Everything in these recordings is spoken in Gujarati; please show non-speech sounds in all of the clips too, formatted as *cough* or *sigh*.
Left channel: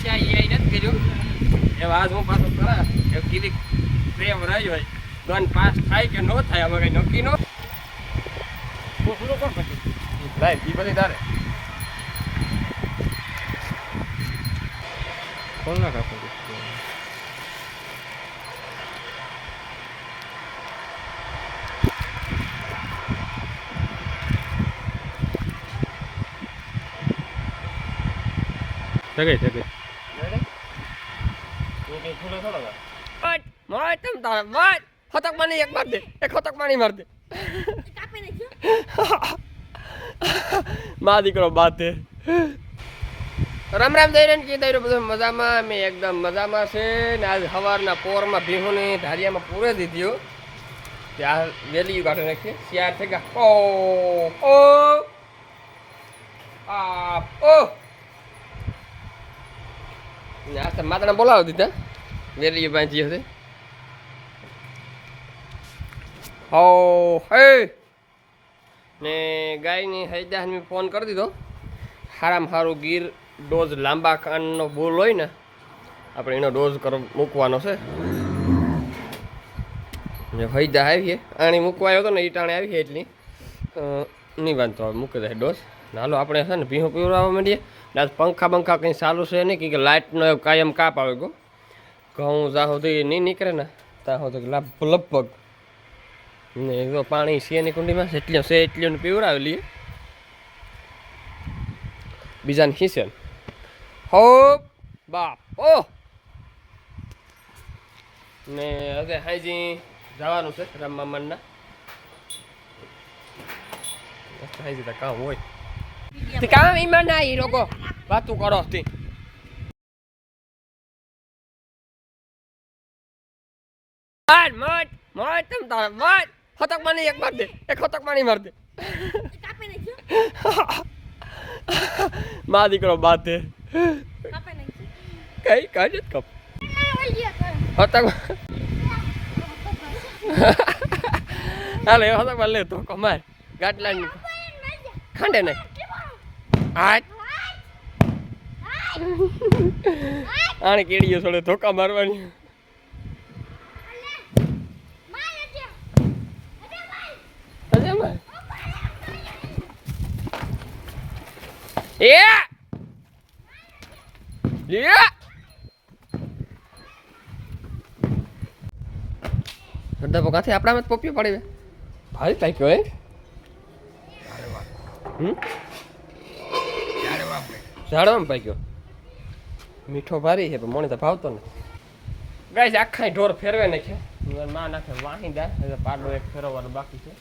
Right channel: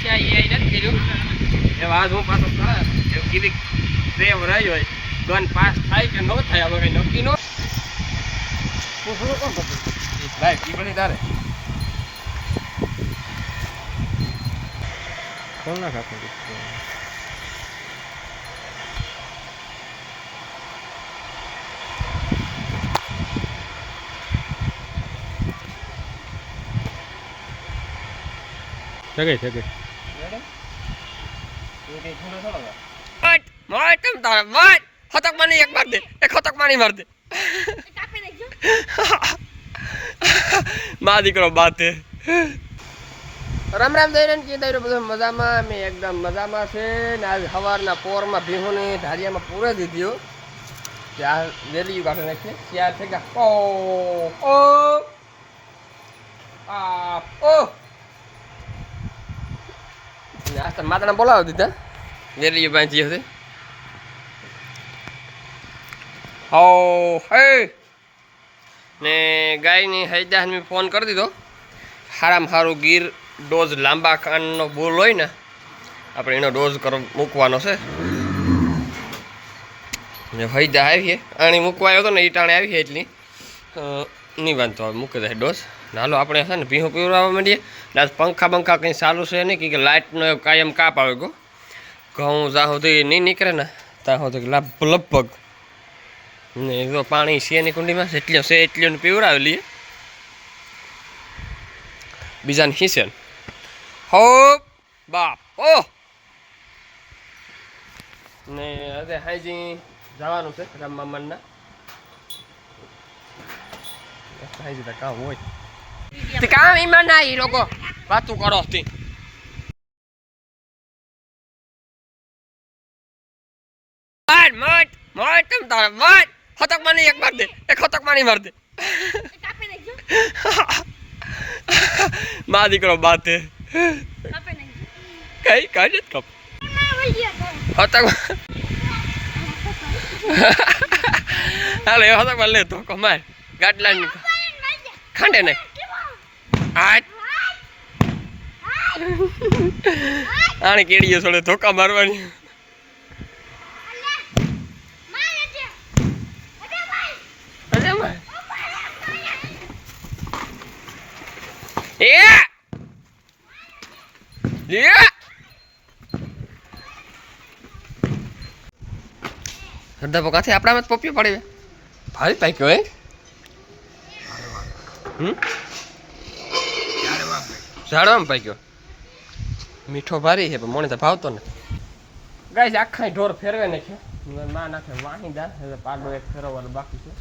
છે આ એ નથી કર્યું. એ આજ હું પાછો થયા એવું કીધી પ્રેમ રહી હોય. ગન પાસ થાય કે ન થાય હવે કંઈ નક્કી નો કોણ કરતો? ભાઈ બધી તારે. કોણ ના કાપો જગે મટ મટ તમ તારે. મટ ખતક માની એક માર દે. એક ખતક માની માર દે. *laughs* મા દીકરો બાતે. રામ રામ દઈ કે કીધું બધું મજામાં? મેં એકદમ મજામાં છે ને આજ સવારના પોરમાં ભીહુને ધારિયામાં પૂરે દીધ્યો. ત્યાં વેલી કાઢી નાખીએ. શિયાર છે ગયા ઓ ઓ. આ ઓ. આ માતાને બોલાવી દીધા. વેલી બાંધી હતી હો હે ને ગાયની હૈદાને મેં ફોન કરી દીધો સારામાં સારું ગીર ડોઝ લાંબા કાનનો બોલ હોય ને આપણે એનો ડોઝ કર મૂકવાનો છે ને હૈદા આવીએ આણી મૂકવા આવ્યો હતો ને એ ટાણે આવી એટલી નહીં વાંધો હવે મૂકી દે ડોઝ નાલો આપણે છે ને ભીહું પીવડાવવા માંડીએ ને પંખા બંખા કંઈ સારું છે નહીં કે લાઇટનો કાયમ કાપ આવે ગો ઘઉં જ્યાં સુધી નહીં નીકળે ને ત્યાં સુધી લભ લગભગ. ને જો પાણી શિયાની કુંડીમાં કુંડીમાં એટલી છે એટલી પીવડાવી લઈએ. બીજાને ખીસે હો, બાપ ઓ ને હવે હાઈજી જવાનું છે રામ મામાના હાઈજી કામ હોય. કામ ઈમાન ના એ લોકો. વાતું કરો માર મત મત તમ તારે મત ખતક માની એક માર દે એક ખતક માની માર દે મા દીકરો બાતે કઈ કઈ નથી કપ ખતક હાલો ખતક માર લે તો કમાય ગાટલા ની ખાંડે નહીં આ આને કેડીએ થોડે ધોકા મારવાની અરે માર એ! Yeah! હરદા પકાથી આપણામાં જ પોપિયો પડે ભાઈ પાક્યો હે? હમ? ઝાડવામાં પાક્યો. મીઠો ભારી છે પણ મને તો ભાવતો ને ગાય આખા ઢોર ફેરવે નાખ્યો. માં નાખે વાહિંદા એટલે પાડો એક ફેરવવાનો બાકી છે.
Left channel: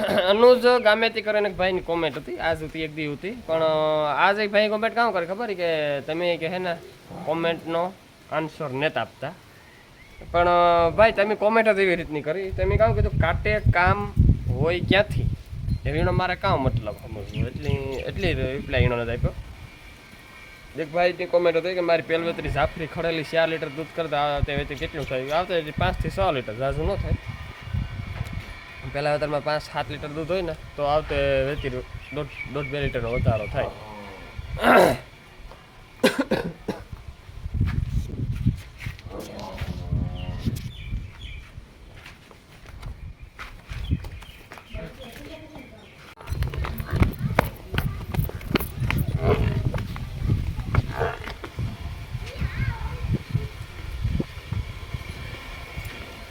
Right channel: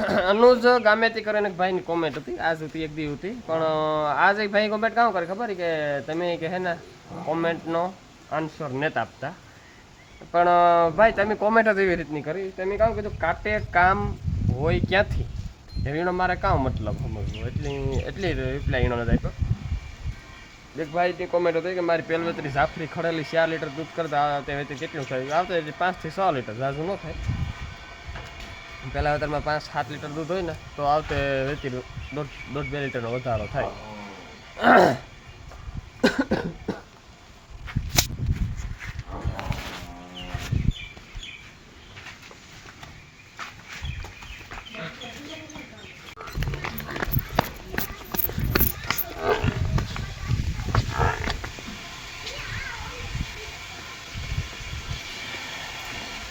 અનુજ ગામેથી કરીને એક ભાઈની કોમેન્ટ હતી. આજ હતી એક દી હતી પણ આજ એક ભાઈ કોમેન્ટ કામ કરે ખબર? કે તમે કે હે ને કોમેન્ટનો આન્સર નેતા આપતા. પણ ભાઈ, તમે કોમેન્ટ જ એવી રીતની કરી. તમે કામ કીધું, કાટે કામ હોય ક્યાંથી? એનો મારે કામ મતલબ સમજવું? એટલી એટલી રિપ્લાય એનો નથી આપ્યો. એક ભાઈ ની કોમેન્ટ હતી કે, મારી પેલવેતરી જાફરી ખડેલી ચાર લીટર દૂધ કરતા આવતે વેચી કેટલું થાય? આવતા પાંચથી છ લીટર ઝાઝું ન થાય. પહેલાં વેતરમાં પાંચ સાત લીટર દૂધ હોય ને, તો આવતે વેચી દોઢ દોઢ બે લીટરનો વધારો થાય.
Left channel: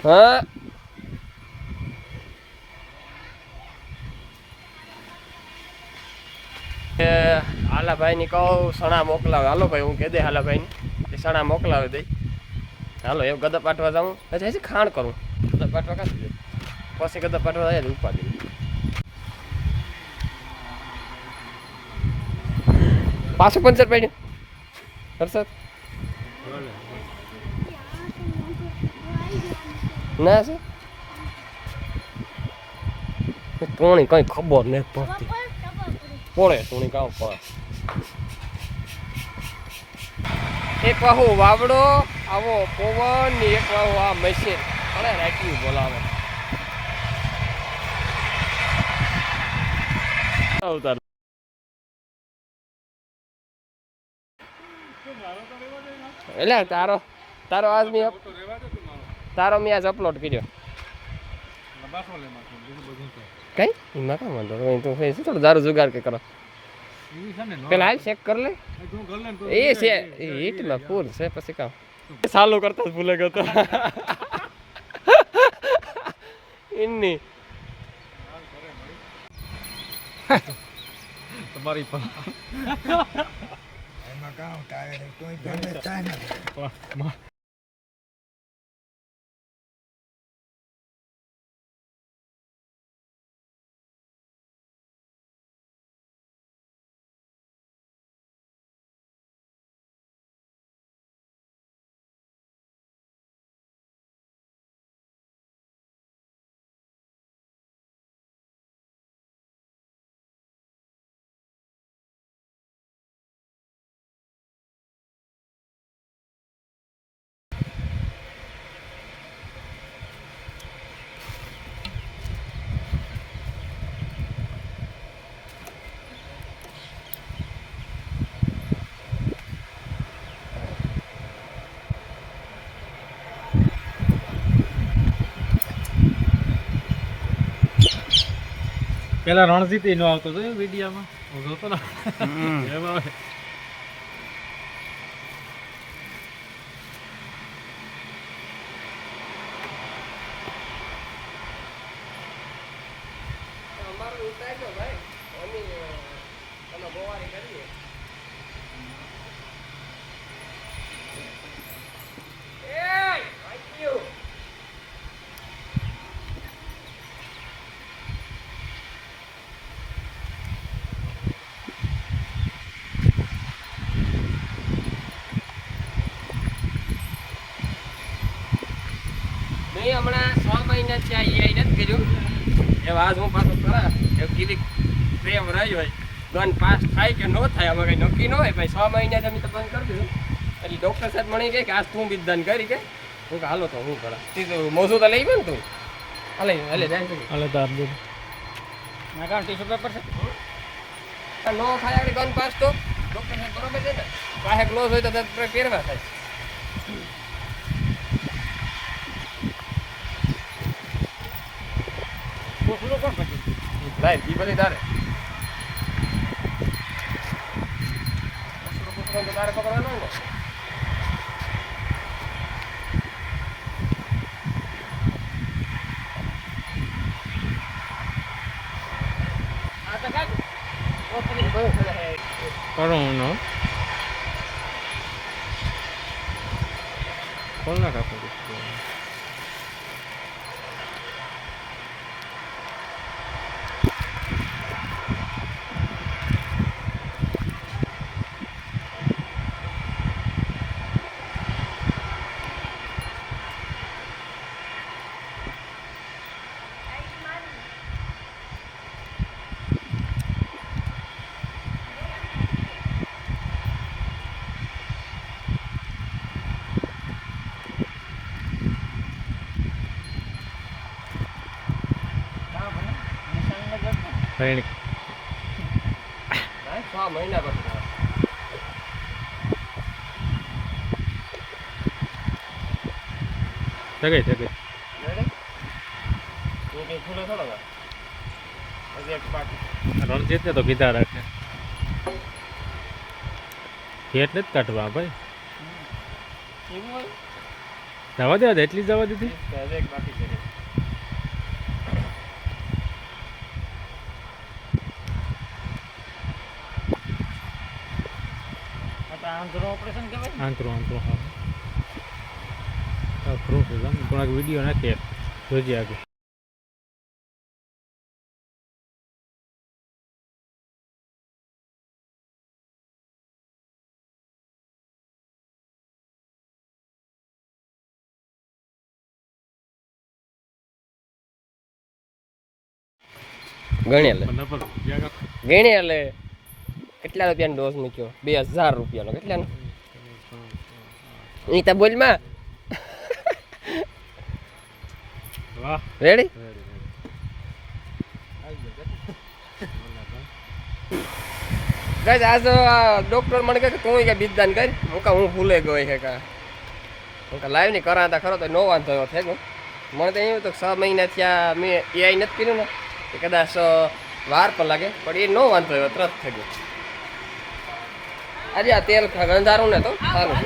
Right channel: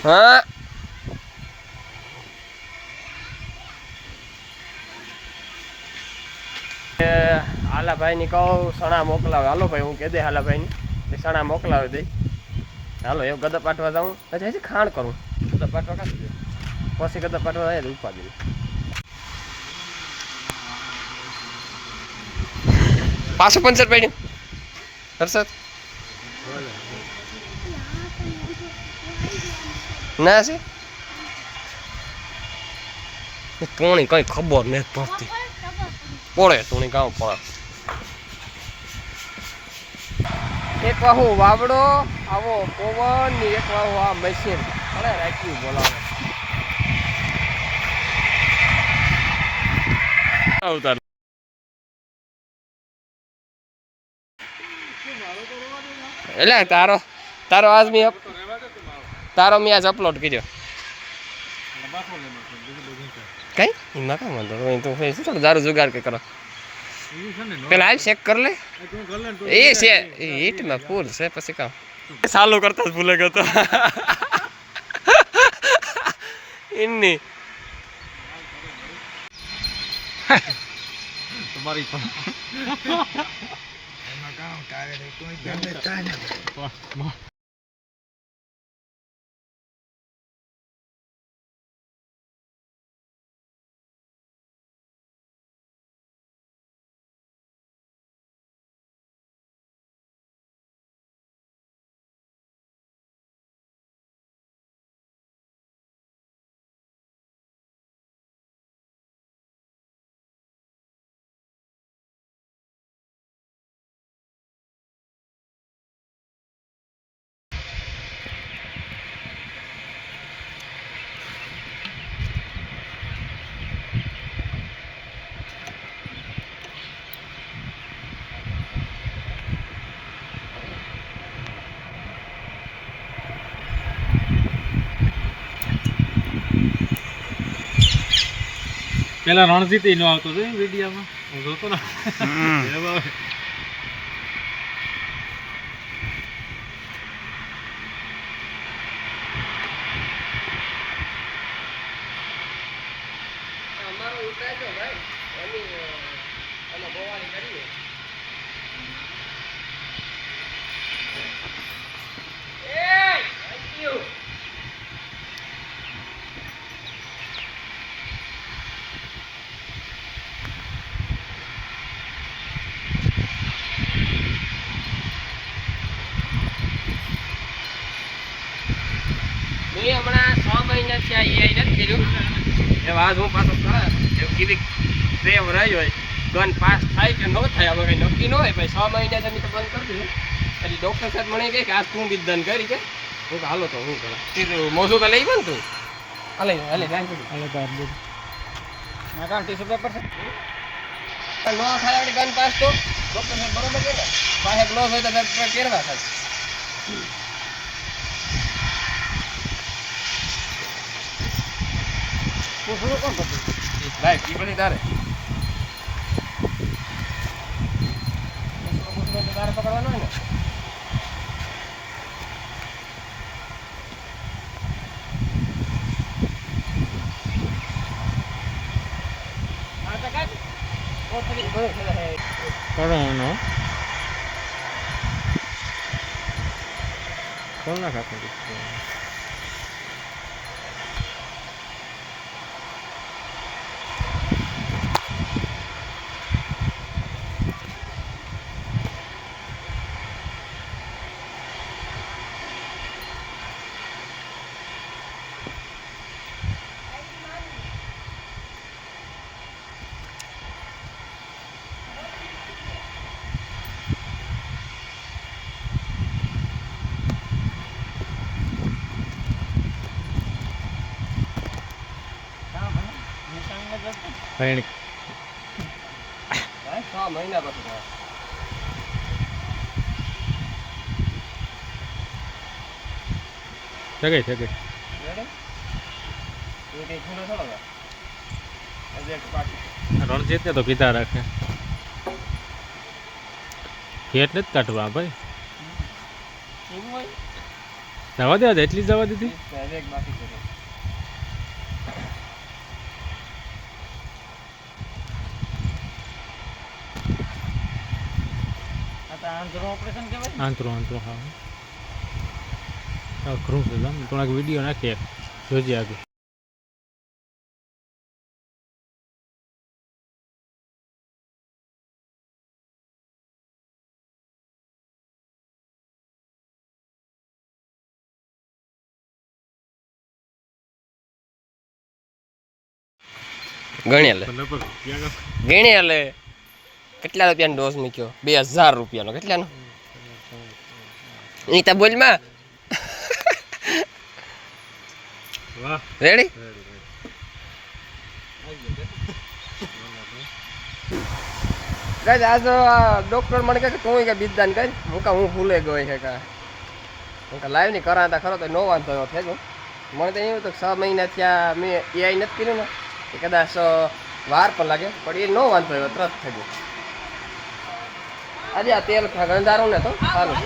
હા એ હાલાભાઈ ની કહું, સણા મોકલાવે. હાલો ભાઈ, હું કહી દે હાલાભાઈ ને સણા મોકલાવી દઈ. હાલો, એવું ગદા પાટવા જાઉં. હજી હજી ખાણ કરું. ગદા પાટવા કાઢી દે. પછી ગદા પાટવા જાય ઉપાડી પાછું પંચર પડ્યું હર્ષદ? ના છે? ટોણી કઈ ખબર નથી પડતી. પડે ટોણી કામ પડે એક વાહુ વાવડો આવો પવન ને એક વાહુ આ મશીન પડે રાખ્યું બોલાવે. આવતા એટલે તારો તારો આજ મેં તારો મેં આજ અપલોડ કર્યો. કઈ? ના કામ વાંધો તો શું થોડું દારૂ જુગાર કે કરો? પેલા હાલ ચેક કર લે. એ છે હીટમાં ફૂલ છે પછી કામ. ચાલુ કરતા જ ભૂલે ગયો એમની તમારી પણ. પેલા રણજીત નો આવતો હતો વિડીયામાં. હું જોતો ને અમારો ઉતારજો હું હમણાં છ મહિના થયા એ આવીને જ કર્યું. એ વાત હું પાછો એવું કીધી પ્રેમ રહી હોય. ગન પાસ થાય કે ન થાય હવે કંઈ નક્કી ન હોય. ભાઈ છ મહિના તમે તો બંધ કરી દીધું. એટલે ડૉક્ટર સાહેબ મને કહે કે આ તું બી દન કરી કે હું કે હાલો તો હું કરા મોસું તો લઈ પણ તું. હલે હલે બેંક હલે નાકા ટીસુ પેપર છે. ન થાય આપણે ગન પાસ તો. ડૉક્ટર સાહેબ બરોબર છે પાસે ગ્લોવ હોય તો પહેરવા થાય પૂછવું કોણ થતું લાય કી બની તારે. તારે પકડવાનો હોય ને કરું નો કોણ ના કાપી? ફૈણ મહિના પછી સગાઈ સગાઈ રણજીત ને તો કીધા રાખે. ફેટ નથી કાઢવા ભાઈ. જવા દે એટલી જવા દીધી? આંતરું ઓપરેશન કહેવાય આંતરું આંતરો હા. ખરું છે થોડાક વીડિયો નાખીએ. જોજે આગળ. ગણ્યા લે. ગણ્યા લે. કેટલા રૂપિયાનો ડોઝ મૂક્યો? બે હજાર રૂપિયાનો. કેટલાનો? એ તો બોલમાં. રેડી ગાઈઝ આજ ડૉક્ટર મને કહે કે તું કે બીજદાન કરી. હું કાં હું ભૂલે ગયો છે કા હું કાં લાઈવ કરા હતા ખરો તો નો વાંધો થયો. મને તો એવું તો છ મહિના થયા મેં એ આઈ નથી પીધું ને. કદાચ વાર પણ લાગે પણ એ નો વાંધો આવ્યો તરત થઈ ગયો. આજે આ તેલ ગંધારું ને તો સારું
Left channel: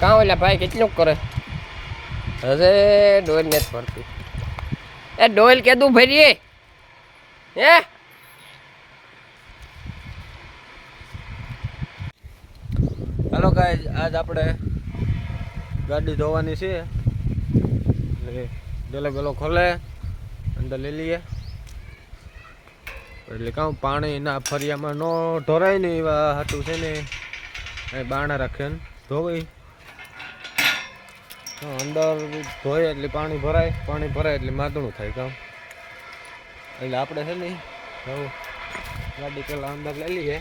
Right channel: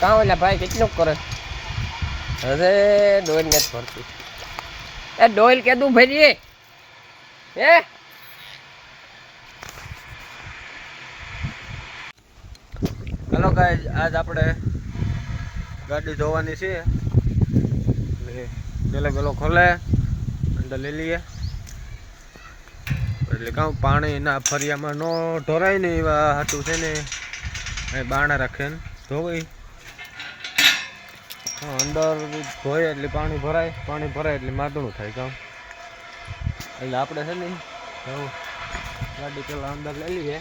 કાં ઓલા ભાઈ કેટલું કરે? હવે ડોઈલ નથી ભરતી. એ ડોઈલ કેદું ભરીએ? હે? હલો ગાઈઝ આજ આપણે ગાડી ધોવાની છે. એટલે પેલો પેલો ખોલે અંદર લઈ લઈએ. એટલે કહું પાણી ના ફરિયામાં ન ઢોરાય ને એવા હાટું છે ને, એ બાણા રાખે ને, ધોવાય. અંદર ધોય એટલે પાણી ભરાય પાણી ભરાય એટલે માદણું થાય કામ એટલે આપણે છે ને જવું ગાડી પેલા અંદર લઈ લઈએ.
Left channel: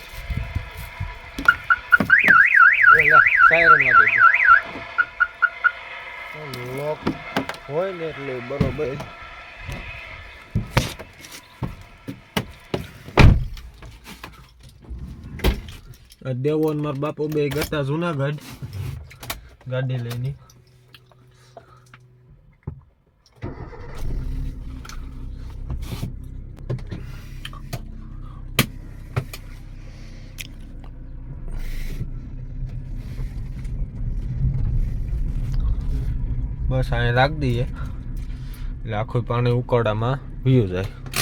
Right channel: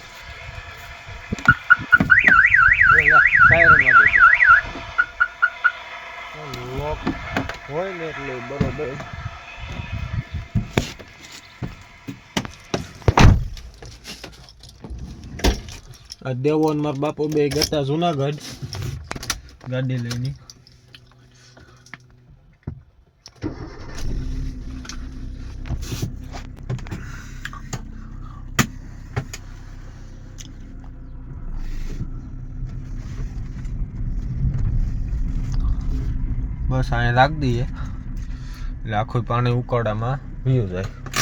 સાયરન વાગે લોક હોય ને એટલે બરોબર. આ દેવો મારા બાપુ બે ગતા જુનાગઢ. ગાડી લઈને. બસ અહીંયા લાગ દઈએ. એટલે આખું પાણી ઉકાળામાં વીયું જાય.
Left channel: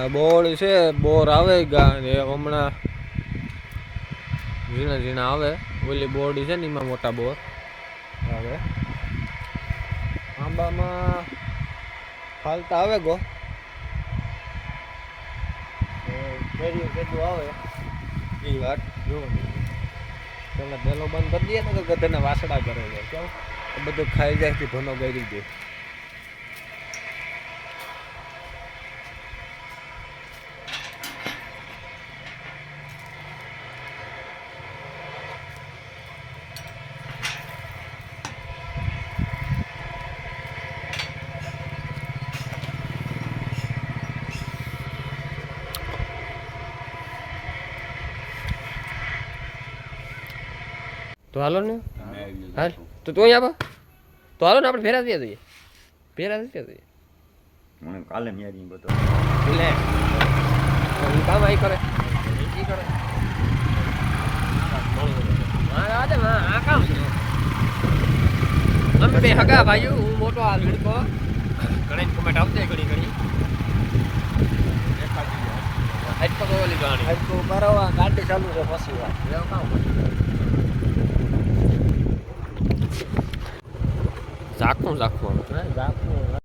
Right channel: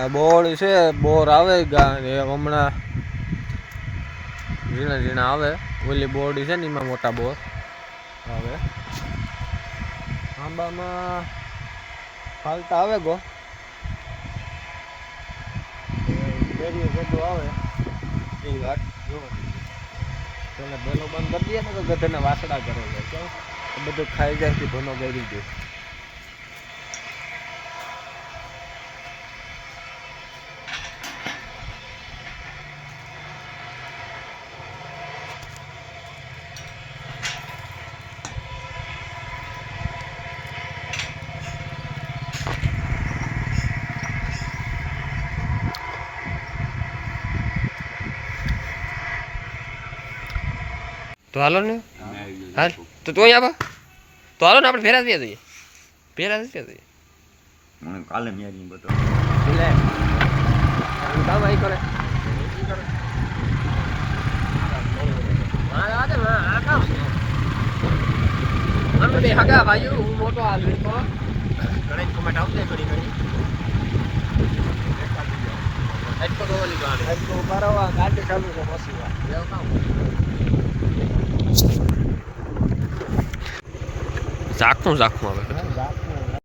આ બોર છે, બોર આવે હમણાં ઝીણા ઝીણા આવે. ઓલી બોરડી છે ને, એમાં મોટા બોર આવે. આંબામાં ફાલતા આવે ગો. કેરીઓ કેટલું આવે. એ વાત જોવાની પેલા બેલો બંધ કરી દઈએ ને તો ગધેને વાસડા કરે છે કેવું બધું ખાઈ જાય ભનો ગરી દે તો હાલો ને હાલ તો તું અહીંયા આવો તો હાલો ને આપણે ભેરા થયા જઈએ ભેરા થયા જઈએ મને કાલે ન્યારી બધો લે એનું કામ આઈ કરે ઈ કરે હા રાધે હા આ કામ અમે બે હગા ભાઈઓ હું મોટો આ લીડકો ઘણી કોમેન્ટ આવતી ઘણી ઘણી હેડકો તો લીધો આને આજકો બરાબર ગાડી ચાલુ છે પછી વાત એવું કામ ઝાકું ઝાકું આવે